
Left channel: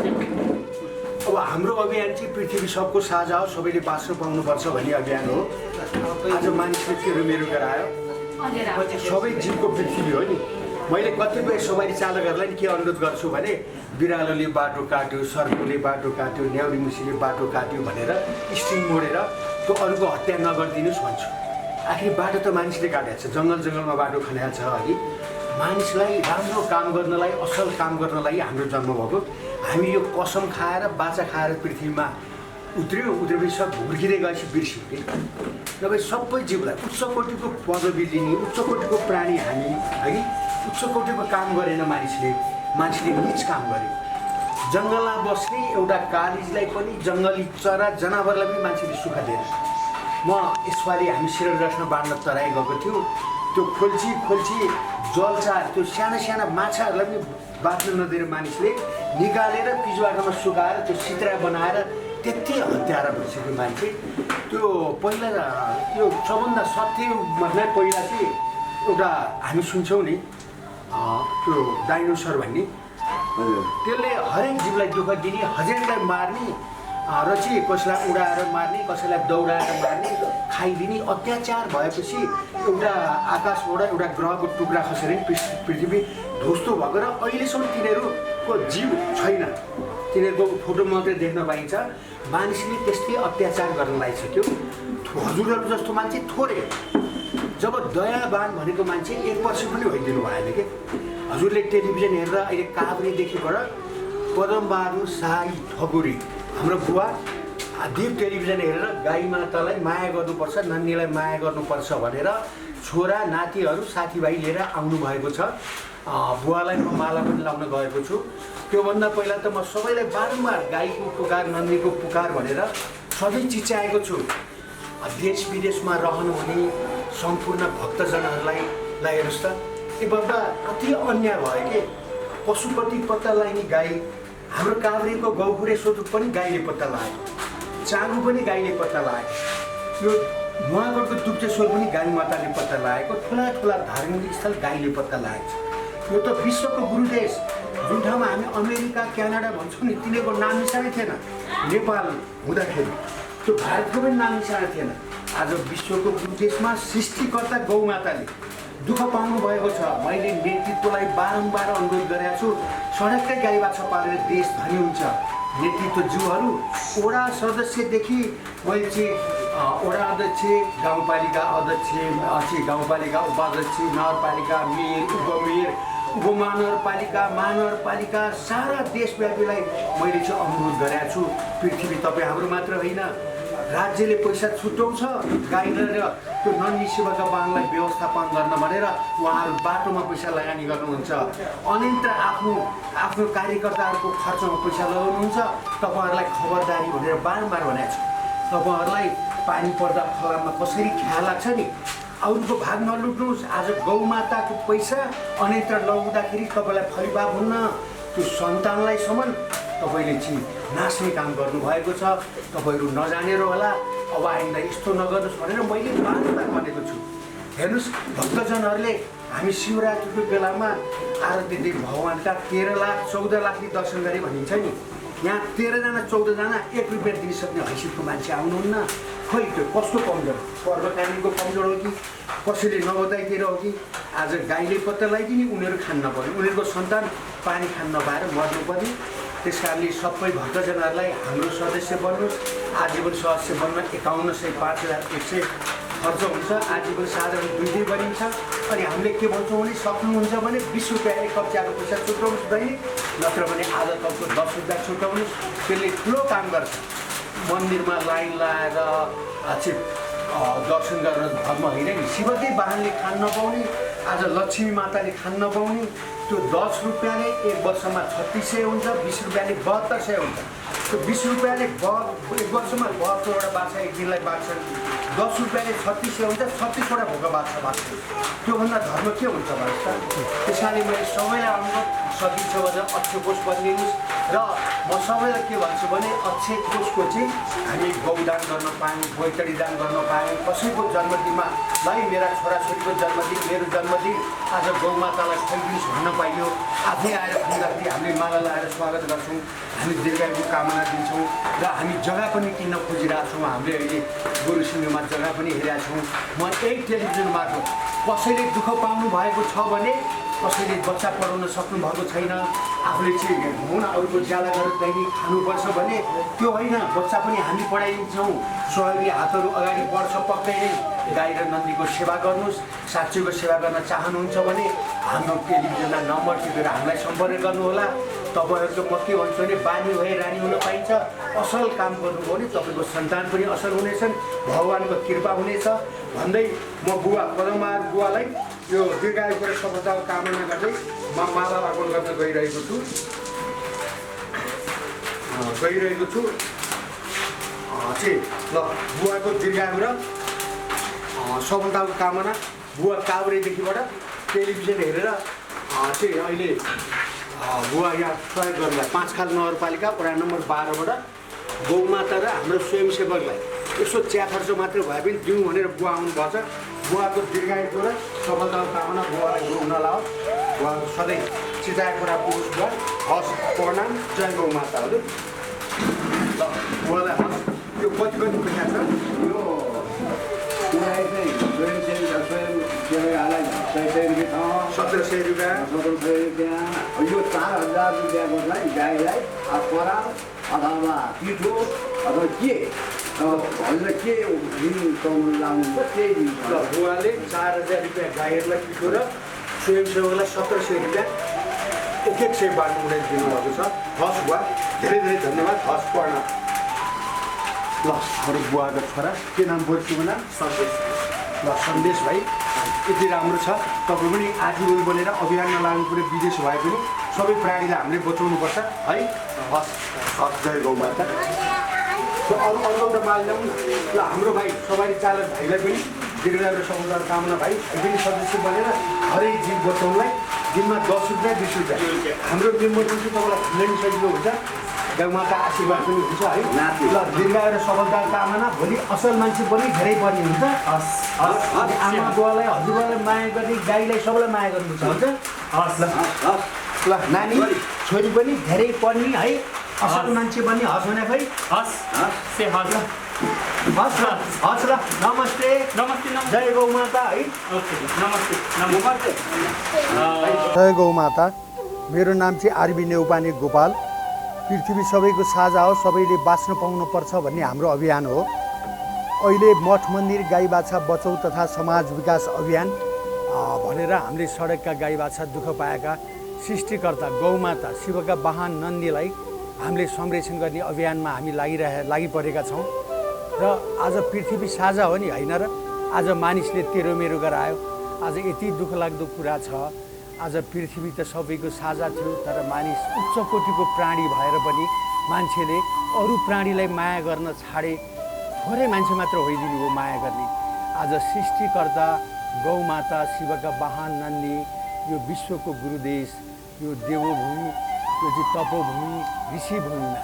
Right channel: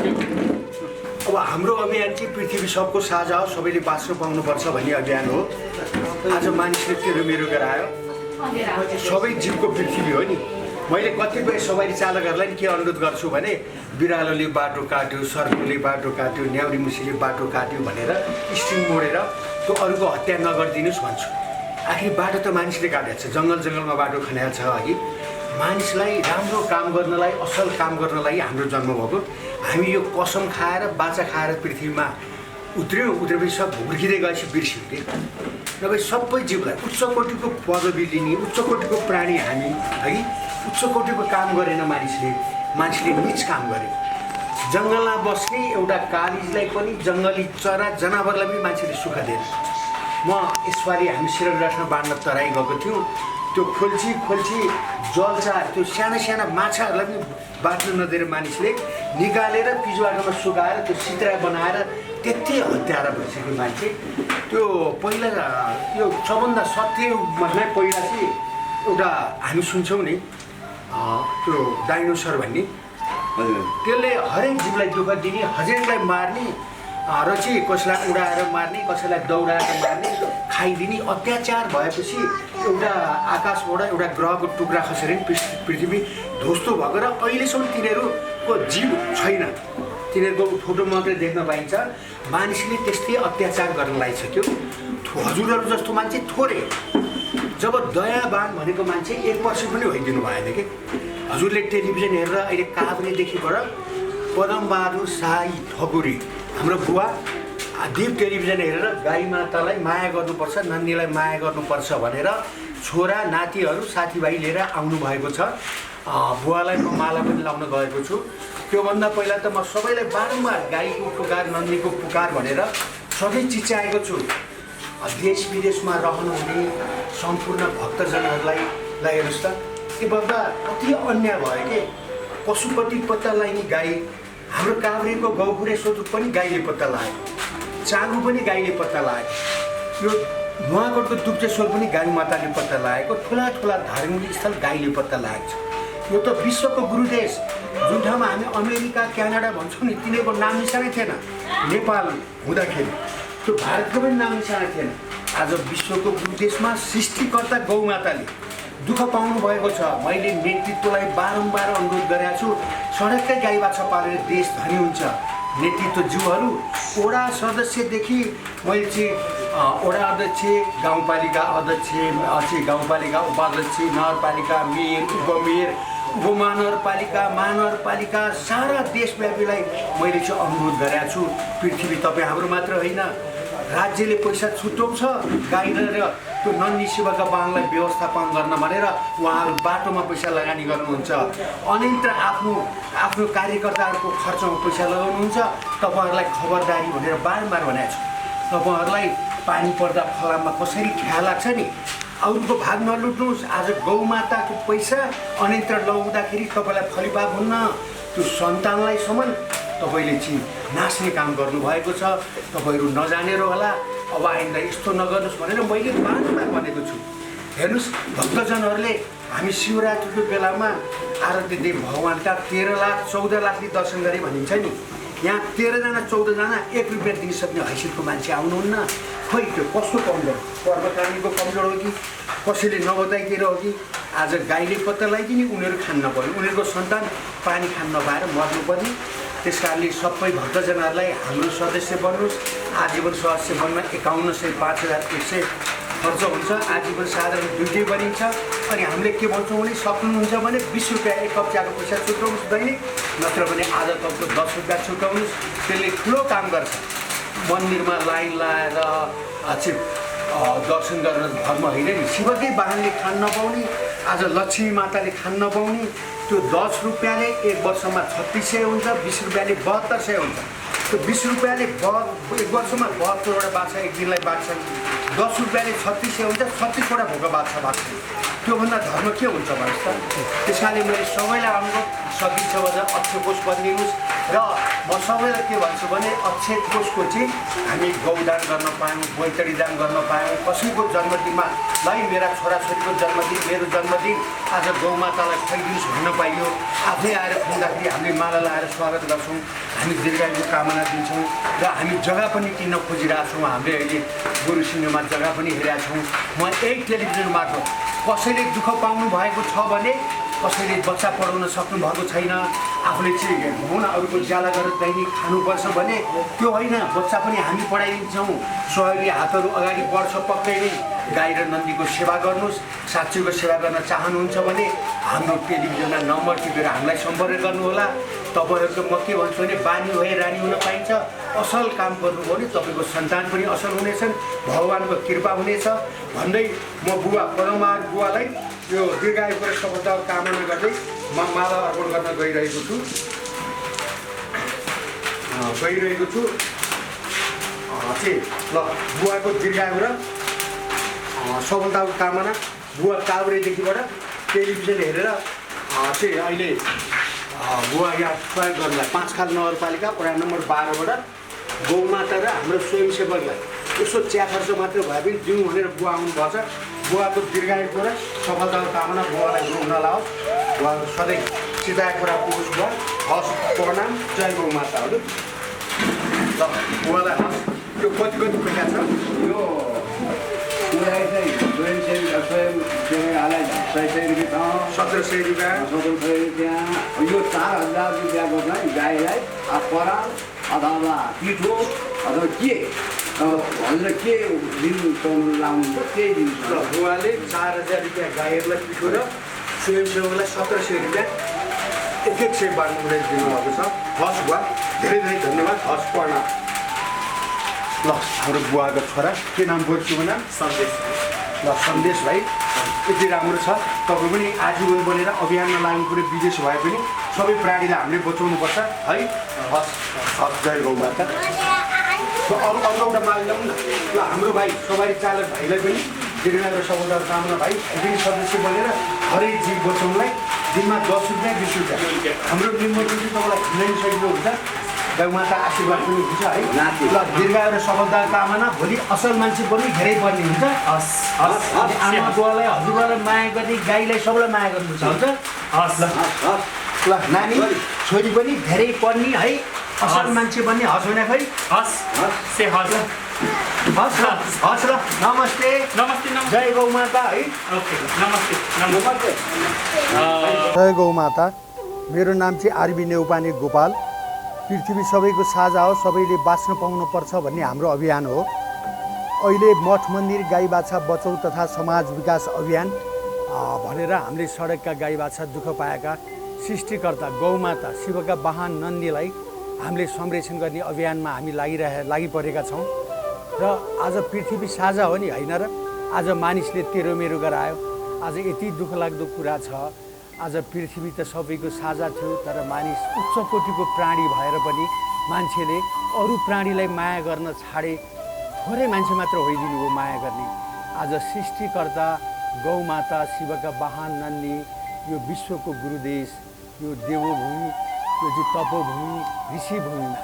अब हाम्रो अभियान चाहिँ पृथ्वी सबको साझा हो, सबैले बाँच्न पाउनुपर्छ भन्ने अभियान हो। आज मानिसले तेरो मेरो गरायो, सबै जीवको पृथ्वी हो नि। मैले कतिपय सवारी चालकहरूलाई नि के अनुरोध गर्छु भने बिरालोले बाटो काट्यो, सर्पले बाटो काट्यो, न्याउरी मुसीले बाटो काट्यो भनेर स्ट्रिङ मोडेर त्यो अरूको हत्या नगरिदिनुहोस् भन्छु। आखिर बाटो त मानिसले काटेको छ, जङ्गलमा बाटो खनाएको छ। अघि मानिसलाई राम्रो काम गर्नलाई, असल काम गर्नलाई हाम्रो जन्म भएको। हामी यो कसम खाएर, बाचा खाएर पृथ्वीमा उत्रेपछि सब हुर्किँदै गएपछि बिर्स्यौँ कि नभए सबै जीवलाई उच्च कोटिको पदवी लिने उच्च कोटिको प्राणी हामी है उच्च कोटिको काम गरेन मानिसले नीच काम गरे जङ्गलमा बस्ने एउटा कालिजलाई पनि जङ्गली चरा जनावरलाई पनि मान्छेले सुख दिएन म यसपालि हामी सिरगढासमा बाँड्न तराई गएको थियौँ त्यो खोल्ची जलचा त्यो साना माछाहरूलाई पनि बाँच्न नदिएर मानिसले निकालेर पिछबाटोमा सुकाएर त्यो सित्रा बनाएर त्यति हत्यारा भइसक्यो मान्छे त्यो पहिला त्यो सबभन्दा सत्यभन्दा पहिला चाहिँ एउटा हामी सुन्छौँ नि त्यो डाइनोसर भन्ने त्यसले हरेक जीवलाई दुःख दिने हजेरीलाई मार्ने र चाहिँ कसैलाई उडाएर मार्ने कसैलाई दौडाएर मार्ने खाइदिने अत्याचार भएपछि एउटा आकाशबाट एउटा ग्रहको टुक्रा खसेर पृथ्वी ध्वस्त भएको र अहिलेसम्म तिनीहरूको जीव छैन तिनीहरूको फोटो मात्रै देख्न पाइन्छ मानिसले त्यस्तै अत्याचार गर्न लागिसक्यो हजुरहरू जस्तो मान्छे थोरै जब दयावान भनेको मान्छे 1% पनि होइदिनु भएन कि हजुरले टेलिभिजन हेरेर अहिले काभ्रेदेखिबाट पदमबहादुर शाही ठकुरी हाम्रो बुवा देव टेलिभिजन हेरेर गाई मातालाई माया गर्नुपर्छ नन्नीलाई माया गर्नुपर्छ भनेर छोरा नातिहरू साथीभाइ लिएर आउनुभएको छ बुवालाई म माला पनि लाउन गएको छु त्योभन्दा पहिला त म सबैलाई बारम्बार गाईको पुकार नन्दीको पुकार भनेर सधैँ चिच्याएको छु देश विदेशमा रहनुहुने सम्पूर्ण भक्तजनहरूलाई हेर्नुहोस् त यो बाबा कति अन्याय भयो कि पशुपति पत्ता लगाइने गाई हाम्रो काभ्रेको गौखुरे सोतुक पनि गाईले पत्ता लाग्यो चाँगु पनि गाईले पत्ता लाग्यो यो नुवाकोटको दुप्चेश्वर पनि गाई माताले पत्ता लागेको ठुला धार्मिक स्थल गाईले पत्ता लागेको छ यो त विश्वको गुरुदेश जुन ठाउँमा हामी अमेरिका क्यानाडा भन्छौँ नि तिनीहरूको नाम निशानै थिएन नेपाल हुँदाखेरि त्यो भारतको पनि नाम निशाना थिएन आज विश्वको गुरुदेशमा सृष्टिकर्ता गौमाताले दुःख पाउनु भएको छ मैले नेतृत्वलाई बारम्बार अनुरोध गरेको छु सडककै गाई बाछा पालेर देश धनी हुन्छ नेतृत्वज्यूहरू वडा सदस्यदेखि मैले चाहिँ वडा अध्यक्ष गाउँपालिका अध्यक्ष गाउँपालिका उपाध्यक्ष नगरपालिका मेयर उपमेयर उपमहानगरपालिका महानगरपालिका सारा देशव्यापीलाई मैले चाहिँ अनुरोध गरेको छु पृथ्वी तपाईँ हाम्रो मात्र होइन राज्यले पैसा छुट्याउँछ गाई र त्यो नन्दी सेवाका बाङलाई व्यवस्थापन गर्न भनेर उहाँहरू बाटोमा पैसा लगानी गर्नुहुन्छ अन्यत्र आफ्नो कार्यकर्ताहरूको खर्चमा पैसा लगाउनुहुन्छ तपाईँहरूलाई खबरदारी भनेर बारम्बार भनेको छु तपाईँहरूलाई पानी पर्दा फलाममा कसरी ख्याल लाग्छ नि अरूको भाग नलुट्नुहोस् आज गौमाताको पैसा अन्यत्र लगाउँदाखेरि तपाईँलाई फलिभाग हुन्न त्यो सन्तानलाई सम्म तपाईँले चाहिँ नाच्ने काम गर्नुभएको छ तपाईँहरू नजानेर होला अब आइन्दा यस्तो नगर्नुहोस् भनेर मैले बारम्बार भनेको छु हेर्नुहोस् भक्तजनहरूले हामी शिवरात्रिको बेलामा आरती देव भगवान्का 13 लाख 14 लाखले दर्शन गरे भनिन्छ नि यहाँ 13 जना 14 जना 1 रुपियाँ दिनसक्ने हैसियतको मान्छे आउनुहुन्न खोइ त्यो कस्तो कमजोर पर्वकालीको कमजोर हो कि कसैले नबताइतिर हो कि आज गाईले पत्ता लगाइदिने उनीहरू खान नपर्ने उनीहरूको सन्तान पानी खान नपाएर मर्नुपर्ने त्यस कारणले सबै भक्तजनहरूलाई हाम्रो सदस्य बन्नुहोस् आजीवन सदस्य बन्न 5100 5100 खर्च हुन्छ आजीवन साधारण 2 बनिन्छ अनि हामीले के भन्छौँ भने सक्नुहुन्छ भने 20 रुपियाँ एक कप चियाको पैसा छुट्याउनुहोस् दैनिक नत्र भने आधा कपको 10 रुपियाँ छुट्याउनुहोस् त्यसले ठुलो काम गर्छ मन्दिरमा लाइन लाएर दर्शन गर्न धर्म होइन नि शिवकै वाहनले खान नपाउने आज लक्ष्मी माताले खान नपाउने त्यो 10 रुपियाँले एक वर्षमा 3600 हुन्छ 20 रुपियाँले 7200 हुन्छ त्यो 20 रुपियाँले एक वर्षमा 72वटा बाछा एक दिनलाई बाँच्छन् 10 रुपियाँले 3600 हुन्छ 36वटा भोका बाछा बाँच्छन् त्योभन्दा धर्म के हुन्छ भन्नुहोस् त त्यस कारणले मैले सबैलाई अनुरोध सकिन्छ भने अक्षय कोष बनिदिनुहोस् र म सबैलाई के भन्छु भने अक्षय कोषको चाहिँ हामी गौदान गर्न पायौँ बैतडी दान गर्न पायौँ कसैको जन्मदिनमा भाइ मेरा छोराछोरीको जन्मदिन मेरो जन्मदिन आज गौमातालाई खुवाइदिनुहोस् भन्न पाइयो आफै आएर खुवाउँदाखेरि हामीले माला लगाएर स्वागत गर्छौँ हामी दीर्घायुको कामना दिन्छौँ र हामी जग्गा पनि किन्न खोजिरहेको छौँ हामीले अहिले गुरुसिंहमा जग्गा पनि हेरेका छौँ म यही टेलिभिजन मार्फत कसैले दुःख पाउनु भएको छ भने कसैले बच्चा पढाउन सक्नु भएको छैन आफूले चाहिँ हुन अरूको ज्याला गरेर दैनिक खानुपर्छ भने त्यो होइन बच्चा पनि हामी पढाइदिन्छौँ सहयोगी हातहरू अगाडि बढ्छ पक्कै नै गाई र नन्दीको सेवा गर्नुहोस् साँच्चैको सेवा गर्न चाहनुहुन्छ भने हाम्रो टेलिभिजनमा नम्बर टिपेर हामीलाई सम्पर्क गर्नुहोला तपाईँहरूको म के भन्छु भने बानी भए रानी हुन पाइन्छ। असल काम गर्नुभयो भने तपाईँको सन्तान पनि असल हुनेछन्, भगवानको कृपा हुनेछ भन्दै म बुवा पदमबहादुर बुवालाई यो दीर्घायुको र सफलताको कामना गर्दै म माला अर्पण गर्न गइरहेको छु। ल बुवाको दीर्घायु र सफलताको कामना बुवा काभ्रेदेखिबाट टेलिभिजन हेरेर चाहिँ अहिले बुवा यहाँ प्रयोग गर्नलाई 5 खाल नगरपालिका वडा नम्बर 12बाट गौमाता र हाम्रो स्वयंसेवकलाई यसो चिया खर्च मात्रै भए पनि दिउँ भनेर बुवा आउनुभएको छ। बुवाको दीर्घायुको र सफलताको कामना बुवालाई हुन लाओस्, बुवाको सधैँ चिताएको कुरा पुगोस्। बुवा हस्, प्रणाम, जय गौमाताहरू। ल बुवालाई हस्। यो कति पैसा छ? यो पुराइ चाहिँ स्वयंसेवीलाई 1700 रुपियाँ, 1700 रुपियाँ। यो 4000 रुपियाँको चाहिँ गाईलाई पराल अथवा पिठो अथवा के हजुर के दिनु लाउनुहुन्छ त्यही दिन्छ। ल बुवाले 4000 रुपियाँ गाईहरूलाई पिठो र स्वयंसेवकलाई 1700 रुपियाँ एक सय बाँड्नु उठाइ दिनुभएको छ। हस् बुवा, धेरै धेरै धन्यवाद। हस्, प्रणाम। ल हाम्रो बुवाको छोरा के नाम बोर्छुको नाम? सन्देश। ल सन्देश भाइ, यति राम्रो छ। तपाईँ पनि आजीवन बनेर अभियानमा लाग्नु पऱ्यो। विदेश भए पनि सबै प्राणीलाई हामीले बचाउनुपर्छ है। हस् हस्, जय गौमाता। अरू एउटा माल ल्याउँ न। ल हाम्रो भाइ सवारी चालक भाइलाई पनि दीर्घायु र सफलताको कामना। भाइ पनि सदस्य बनेर हरेक जीव बचाउनलाई दिनमा 10 रुपियाँ 20 रुपियाँ हाम्रो मेम्बर पनि तपाईँलाई खुलाउनु सजिलो हुन्छ। गौमाता आशीर्वाद पनि हुन्छ है। ल दीर्घायु र सफलताको कामना। भोलि असल मान्छे पनि धेरै पर्ने हुन्छ। आमा बुवालाई हजुरबालाई माया गर्ने, गाईलाई सबैलाई माया गर्नुपर्छ हुन्छ। ल नानी छोरी पनि धेरै पढ्ने है, असल मान्छे बन्ने। हस् भने खै? हस् ल। नमस्ते नमस्ते, जय गौमाता है। नमस्ते। जय गौमाता। मेरो नाम चाहिँ आरबी नेउपाने गोपाल। पृथ्वी सबैको साझा हो, सबैले बाँच्न पाउनुपर्छ भन्ने हाम्रो अभियान हो। अहिले मठ मन्दिर गाई बाछा बचाउ तथा समाज विकास अभियान भनेर हामीले सडकका गाई बाछा दुःख पाएका सृष्टिकर्ता गौमाता शिवका वाहन नन्दीलाई हामीले संरक्षण गर्ने अभियानमा हामी लागिपरेका छौँ। र आज पृथ्वी साझा हो नि, होइन र? आज मानिसले तेरो मेरो गरायो। आज यति दुःखलाग्दो कुरा छ। आज पृथ्वी त सबैको साझा थियो, तर मानिस उच्च कोटिको प्राणी भएर पनि मान्छेले अरू प्राणीलाई माया गर्न छाडे। थोरै मान्छे मात्र होइदिनु हो माया गर्ने। आज सृष्टिकर्ता गौमाता शिवका वाहन नन्दी यो विश्वको गुरुदेश, यो देवभूमि, यो चाहिँ तपोभूमि, ऋषिभूमिमा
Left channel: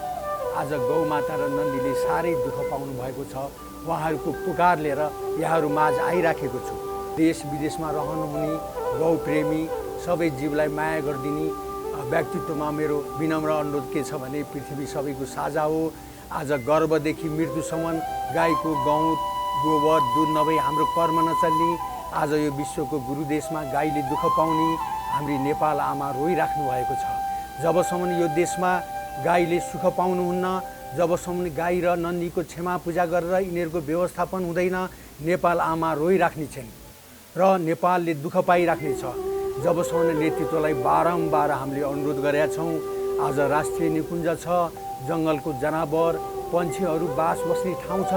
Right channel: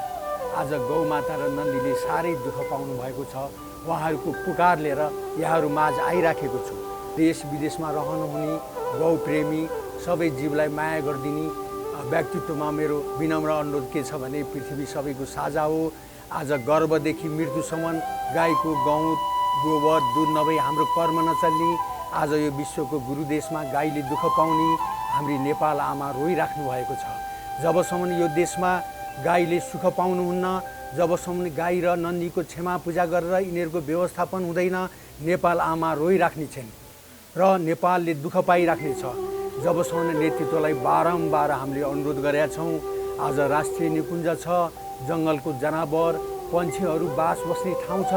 आज गौमाता र नन्दीले साह्रै दुःख पाउनु भएको छ। उहाँहरूको पुकार लिएर यहाँहरू माझ आइराखेको छु। देश विदेशमा रहनुहुने गौप्रेमी सबै जीवलाई माया गरिदिने व्यक्तित्वमा मेरो विनम्र अनुरोध के छ भने पृथ्वी सबैको साझा हो। आज गर्भदेखि मृत्युसम्म गाईको गहुँत गोबर दुध नभई हाम्रो कर्म नचल्ने। आज यो विश्वको गुरुदेशमा गाईले दुःख पाउने हाम्री नेपाल आमा रोइराख्नु भएको छ। जबसम्म यो देशमा गाईले सुख पाउनुहुन्न, जबसम्म गाई र नन्दीको क्षमा पूजा गरेर यिनीहरूको व्यवस्थापन हुँदैन, नेपाल आमा रोइराख्ने छिन् र नेपालले दुःख पाइराख्नेछ। जबसम्म नेतृत्वलाई बारम्बार हामीले अनुरोध गरेका छौँ। आज राष्ट्रिय निकुञ्ज छ, जङ्गलको जनावर पन्छीहरू बास बस्ने ठाउँ छ।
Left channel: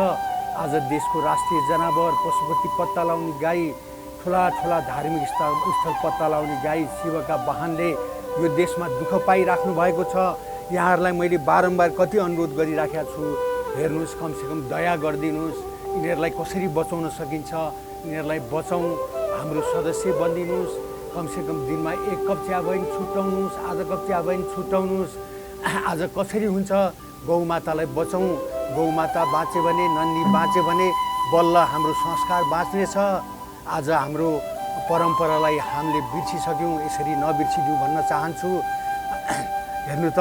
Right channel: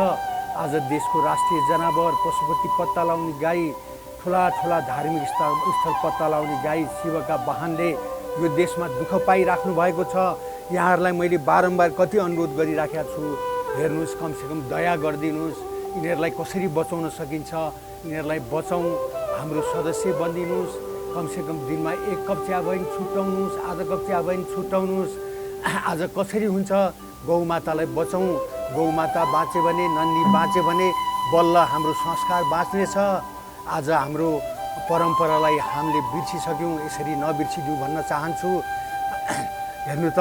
आज देशको राष्ट्रिय जनावर पशुपति पत्ता लाउने गाई, ठुला ठुला धार्मिक स्थल पत्ता लाउने गाई शिवका वाहनले यो देशमा दुःख पाइराख्नु भएको छ। यहाँहरूलाई मैले बारम्बार कति अनुरोध गरिराखेका छु। हेर्नुहोस्, कमसेकम दया गरिदिनुहोस्। यिनीहरूलाई कसरी बचाउन सकिन्छ, यिनीहरूलाई बचाउँ। हाम्रो सदस्य बनिदिनुहोस्। कमसेकम दिनमा 1 कप चिया भए पनि छुट्याउनुहोस्, आधा कप चिया भए पनि छुट्याउनुहोस्। आज कसरी हुन्छ? गौमातालाई बचाउँ। गौमाता बाँच्यो भने, नन्दी बाँच्यो भने बल्ल हाम्रो संस्कार बाँच्नेछ। आज हाम्रो परम्परालाई हामीले बिर्सिसक्यौँ, यसरी नबिर्सिदिउँ भन्न चाहन्छु। हेर्नु त,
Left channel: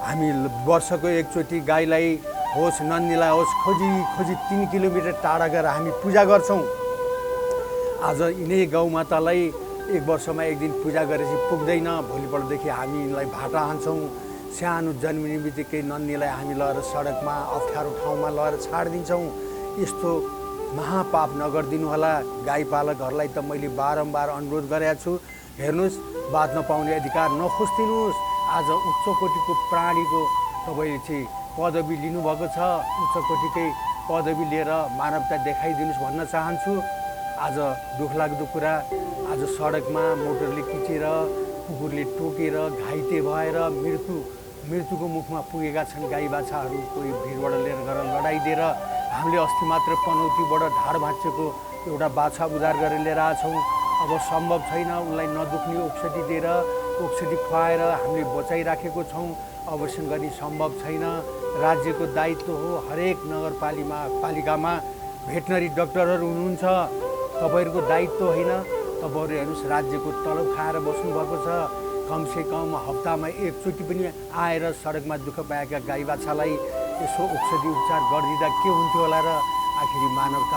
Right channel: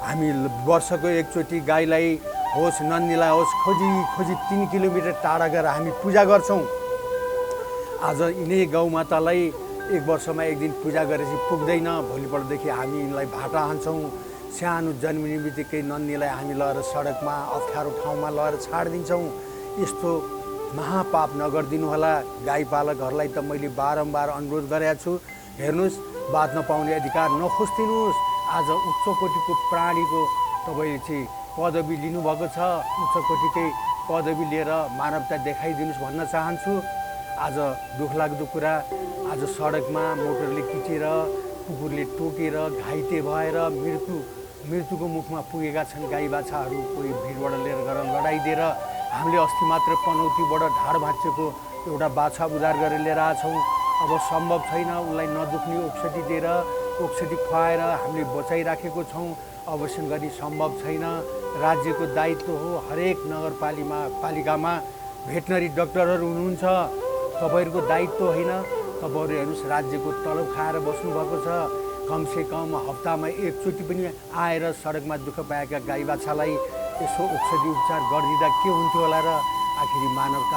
हामी वर्षको एकचोटि गाईलाई होस् नन्दीलाई होस् खोजी 3 किलोमिटर टाढा गएर हामी पूजा गर्छौँ। आज यिनै गौमातालाई 1 वर्षमा 1 दिन पूजा गरेपछि पुग्दैन। भोलिपल्टदेखि हामी यिनलाई भाटा हान्छौँ। सानो जन्मिने बित्तिकै नन्दीलाई हामी लगेर सडकमा अप्ठ्यारो ठाउँमा लगेर छाडिदिन्छौँ। यस्तो महापाप नगरिदिनु होला। गाई पालकहरूलाई त मैले बारम्बार अनुरोध गरेको छु। हेर्नुहोस्, बाँच्न पाउने अधिकार नखोजिदिनुहोस्। आज उच्च कोटिको प्राणीको तपाईँले चाहिँ पदवी लिनुभएको छ। उच्च कोटिकै पदवी लिएर मानवता देखाइदिनुहोस् भन्न चाहन्छु। आज दुःखलाग्दो कुरा, आज सडकमा मोटरले किचेर कुकुरले टोकेर घाइते भएर मृत्युको मुखमा पुगेका छन् गाई बाछाहरू। कोही भिडबाट लिएर गएर लडाइदिएर हामीले अस्ति मात्र पनौतीबाट ढाड भाँचेको एउटा बाछा उद्धार गरेर लिएर आएछौँ। अब सम्भव छैन उनलाई नदुख्ने औषधि दिएर औषधि खुवाएर हामीले बचाइराखेको छौँ। अवश्य गरी सम्भव छैन। राज्यको दायित्व हो। हरेक नगरपालिकामा भेटनरी डाक्टरहरू हुनुहुन्छ। तपाईँहरूको दायित्व होइन। तपाईँहरू हेर्नुहोस् राज्यको तलब खाएर बस्नुभएको छ। कमसेकम हप्तामा एकचोटि पनि आएर सडकमा दुःख पाएका गाई बाछालाई यसो औषधि उपचार गरिदिँदा के हुन्थ्यो होला र। आखिरी मानवता